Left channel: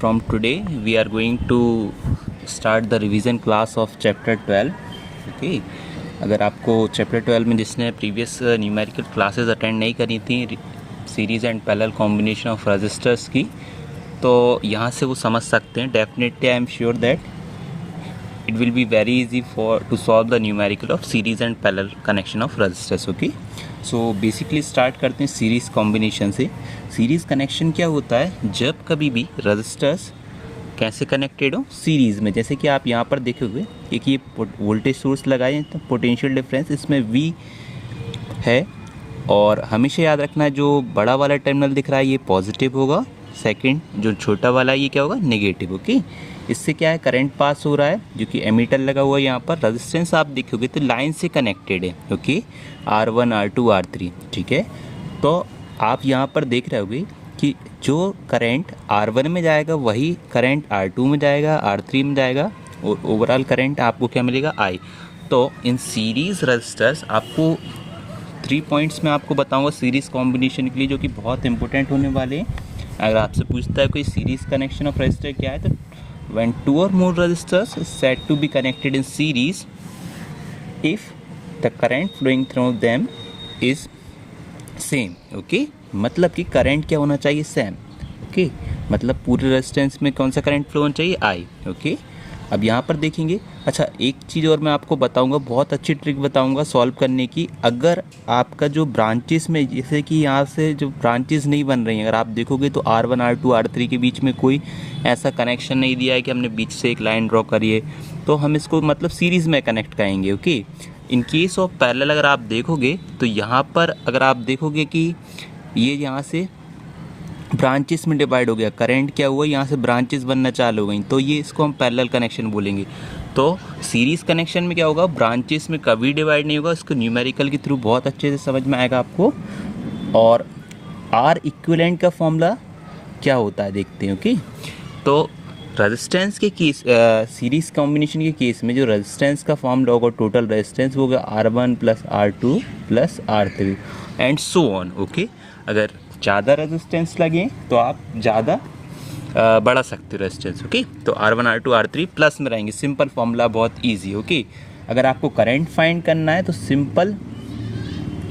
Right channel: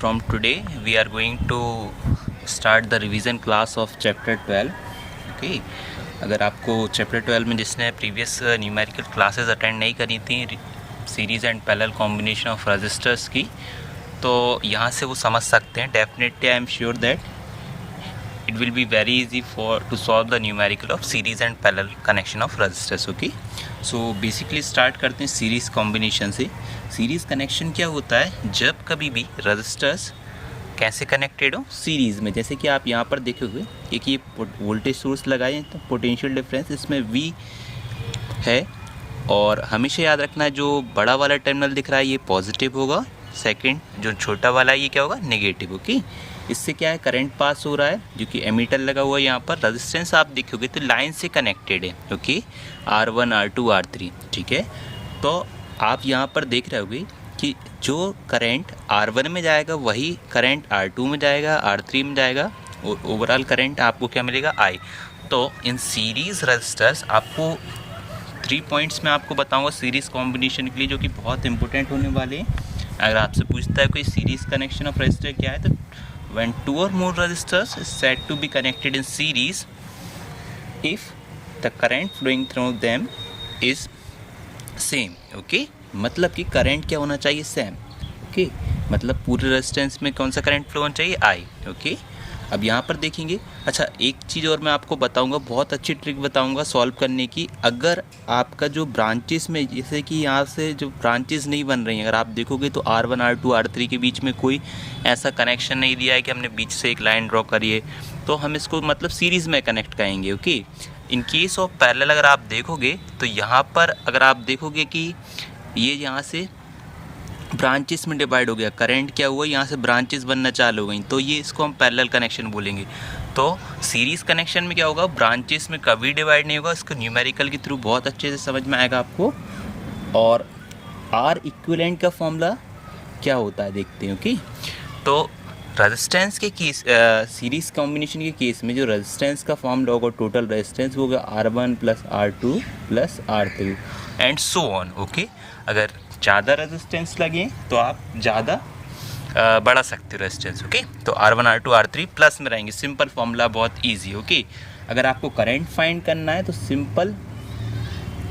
from today we are going to start the revision class of chapter 12. Okay, अगर आपको chapter 12 में जिसने previous numerical classes attend नहीं करी थी series and parallel combination of resistors की, तो यहाँ से वो समझ सकते हैं. Definitely I am sure that it will be very easy to solve the numerical of series and parallel connection of resistors. Okay, so basically start करते हैं सीरीज कॉम्बिनेशन से. सीरीज कनेक्शन क्या होता है? जब कभी भी रजिस्टर्स कैसे कनेक्टेड हो सीरीज़ में. जैसे कि आप यहाँ पर देखोगे कि ये वोल्टेज सोर्स लगाए तो पोटेंशियल डिफरेंस इसमें V है, और हमेशा याद रखना है जो बड़ा वाला टर्मिनल दिख रहा है ये पॉजिटिव होगा, सेकंड जो छोटा वाला है ये क्या होगा? नेगेटिव. ओके, इससे क्या है? करंट पास हो रहा है जो कि एमीटर लगा हुआ है. यहाँ पर रेजिस्टेंस आप देखोगे तो लाइन से कनेक्टेड है. Okay, R1 R2 R3. ठीक है, तो आप यहाँ पर देख रहे होगे कि जो करंट R1 में जाएगा वही करंट R2 में जाएगा, R3 में जाएगा, और ओवरऑल करंट आपको क्या मिलेगा? I. तो इन सीरीज़ रजिस्टर्स आपको 3 पॉइंट्स में आपको बताऊँगा सीरीज़ कॉम्बिनेशन के लिए, जो कि बहुत इंपॉर्टेंट होने वाले हैं. अगर आपसे पूछता है कोई सीरीज़ कनेक्शन ऑफ रजिस्टर क्या है, तो when 2 or more resistors is said to be connected in series if the current flowing through them is same. okay, मतलब कि करंट क्या होना चाहिए? सेम. ओके, मतलब पूरे रेजिस्टेंस में कौन सा करंट फ्लो होना चाहिए? I. ओके, अब यहाँ पर देखेंगे. अच्छा, एक चीज़ और मैं आपको बताऊंगा, बहुत अच्छी ट्रिक बताऊंगा सॉल्व करने की. अगर आपका जो ब्रांचेस में, जैसे कि यहाँ से जो ब्रांचेस नहीं बन रही हैं, अगर आप देखोगे तो R1 R2 R3 के बीच में कोई ऐसा कनेक्शन नहीं दिया है कि हमने बीच से एक लाइन ड्रॉ करिए, तो हम इसको मतलब सीरीज़ में कनेक्ट करेंगे. Okay, in case of parallel अगर आप देखोगे तो यहाँ पर अगर आप देखोगे कि ये यहाँ से ब्रांचेस में डिवाइड हो गया, करंट क्या हुआ? यहाँ से ब्रांचेस बनना चालू हो गई, तो ये इसको हम पैरेलल कनेक्शन बोलेंगे. तो सीरीज़ कनेक्शन में क्या होगा? ब्रांचेस में कभी डिवाइड नहीं होगा. इसको न्यूमेरिकल के थ्रू बहुत अच्छे से समझ में आएगा आपको. और R इक्विवेलेंट का फॉर्मूला क्या होता है देखते हैं. ओके, तो रेजिस्टेंस के केस, सीरीज़ कॉम्बिनेशन के केस में जो रेजिस्टेंस का फॉर्मूला होगा, टोटल रेजिस्टेंस होगा R1 + R2 + R3 and so on. Okay, अगर ज़्यादा रेजिस्टेंस लगे तो आप ज़्यादा बढ़ा सकते हो रेजिस्टेंस. ओके, तो R1 R2 R3 प्लस में रहेंगे. सिंपल फॉर्मूला, बहुत इजी. ओके, अगर आपको करंट फाइंड करना है तो सिंपल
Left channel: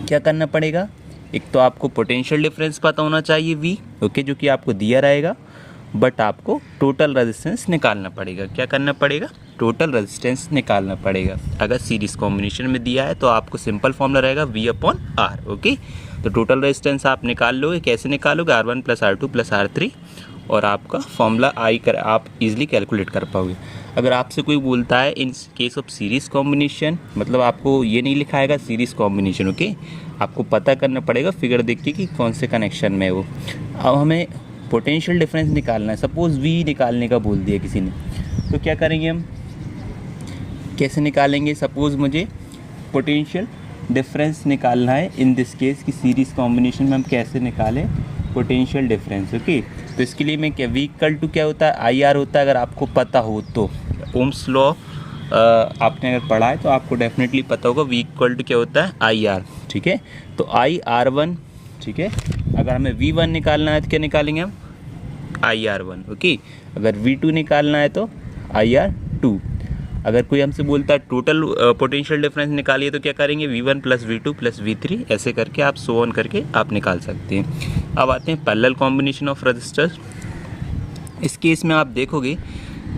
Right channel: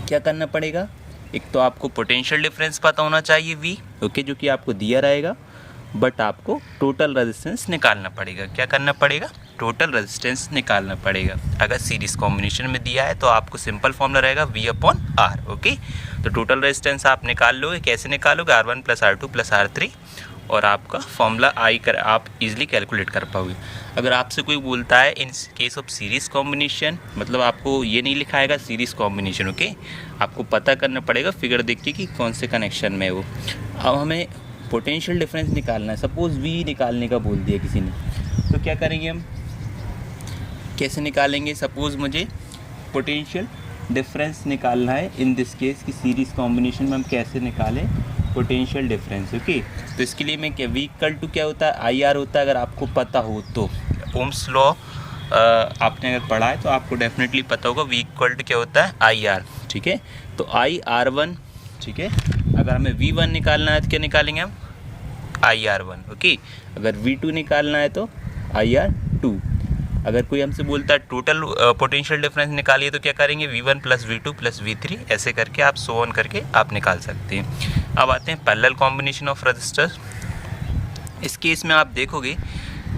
क्या करना पड़ेगा? एक तो आपको पोटेंशियल डिफरेंस पता होना चाहिए V. ओके, जो कि आपको दिया रहेगा, बट आपको टोटल रेजिस्टेंस निकालना पड़ेगा. क्या करना पड़ेगा? टोटल रेजिस्टेंस निकालना पड़ेगा. अगर सीरीज़ कॉम्बिनेशन में दिया है तो आपको सिंपल फॉर्मूला रहेगा V/R. ओके, तो टोटल रेजिस्टेंस आप निकाल लोगे. कैसे निकालोगे? R1 + R2 + R3, और आपका फॉर्मूला आप इजीली कैलकुलेट कर पाओगे. अगर आपसे कोई बोलता है in case of series combination, मतलब आपको ये नहीं लिखाएगा सीरीज़ कॉम्बिनेशन. ओके, आपको पता करना पड़ेगा फिगर देख के कि कौन से कनेक्शन में है वो. अब हमें पोटेंशियल डिफरेंस निकालना है. सपोज़ V निकालने का बोल दिया किसी ने, तो क्या करेंगे हम? कैसे निकालेंगे? सपोज़ मुझे पोटेंशियल डिफरेंस निकालना है इन दिस केस की सीरीज़ कॉम्बिनेशन में हम कैसे निकालें पोटेंशियल डिफरेंस. ओके, तो इसके लिए मैं क्या, V = क्या होता है? IR होता है. अगर आपको पता हो तो ओम्स लॉ आपने अगर पढ़ा है तो आपको डेफिनेटली पता होगा V = क्या होता है? IR. ठीक है, तो IR1. ठीक है, अगर हमें V1 निकालना है तो क्या निकालेंगे हम? IR1. ओके, अगर V2 निकालना है तो IR2. अगर कोई हमसे बोलता है टोटल पोटेंशियल डिफरेंस निकालिए तो क्या करेंगे? V1 + V2 + V3, ऐसे करके आप सो ऑन करके आप निकाल सकते हैं. अब आते हैं पैरेलल कॉम्बिनेशन ऑफ रजिस्टर्स. इस केस में आप देखोगे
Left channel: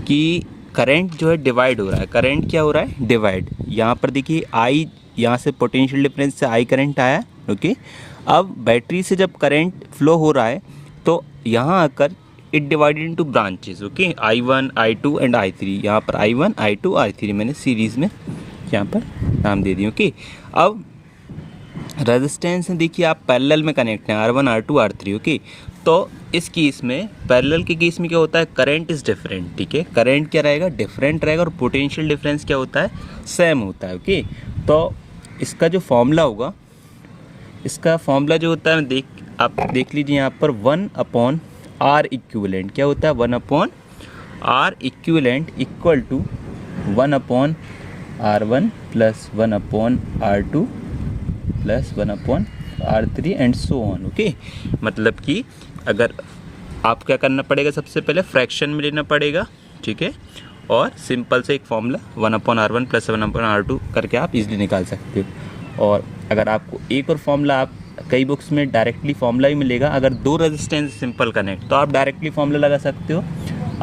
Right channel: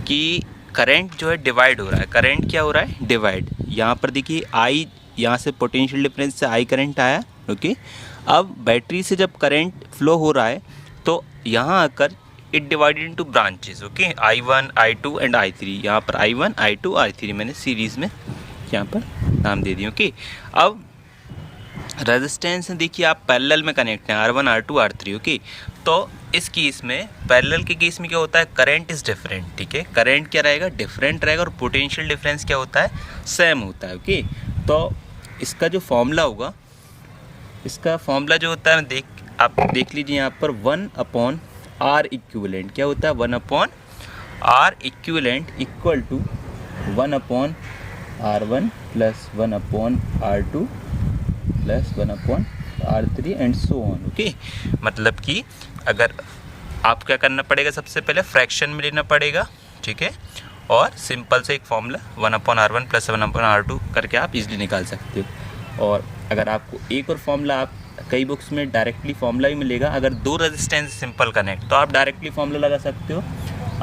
कि करंट जो है डिवाइड हो रहा है. करंट क्या हो रहा है? डिवाइड. यहाँ पर देखिए I, यहाँ से पोटेंशियल डिफरेंस से I करंट आया. ओके, अब बैटरी से जब करंट फ्लो हो रहा है तो यहाँ आकर it divided into branches. Okay, I1 I2 and I3. यहाँ पर I1 I2 I3 मैंने सीरीज़ में यहाँ पर नाम दे दिए. ओके, अब रेजिस्टेंस देखिए आप पैरेलल में कनेक्ट हैं R1 R2 R3. ओके, तो इस केस में पैरेलल के केस में क्या होता है? Current is different. ठीक है, करंट क्या रहेगा? डिफरेंट रहेगा, और पोटेंशियल डिफरेंस क्या होता है? सेम होता है. ओके, तो इसका जो फॉर्मूला होगा, इसका फॉर्मूला जो होता है आप देख लीजिए यहाँ पर 1/R इक्विवेलेंट. क्या होता है? 1/R equivalent = 1/R1 + 1/R2 + 1/R3 and so on. Okay, मतलब कि अगर आप क्या करना पड़ेगा, सबसे पहले फ्रैक्शन में लेना पड़ेगा, ठीक है, और सिंपल से एक फॉर्मूला 1/R1 + 1/R2 करके आप इजीली निकाल सकते हो। और अगर आपको एक और फॉर्मूला, आप कई बुक्स में डायरेक्टली फॉर्मूला ही मिलेगा, अगर दो रेजिस्टेंस सिंपल कनेक्ट, तो आप डायरेक्टली फॉर्मूला लगा सकते हो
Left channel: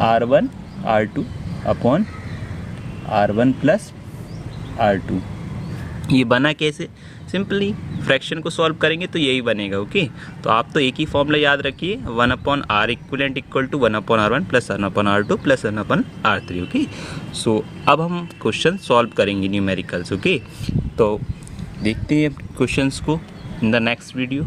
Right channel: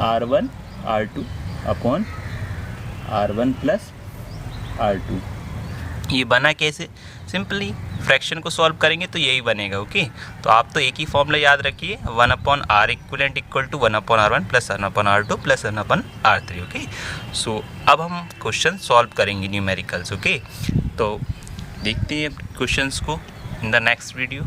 R1 R2 upon R1 + R2। ये बना कैसे, सिंपली फ्रैक्शन को सॉल्व करेंगे तो यही बनेगा। ओके, तो आप तो एक ही फॉर्मूला याद रखिए, 1/R equivalent equal to 1/R1 + 1/R2 + 1/R3। Okay, so अब हम क्वेश्चन सॉल्व करेंगे न्यूमेरिकल्स। ओके, तो देखते हैं क्वेश्चंस को इन द नेक्स्ट वीडियो।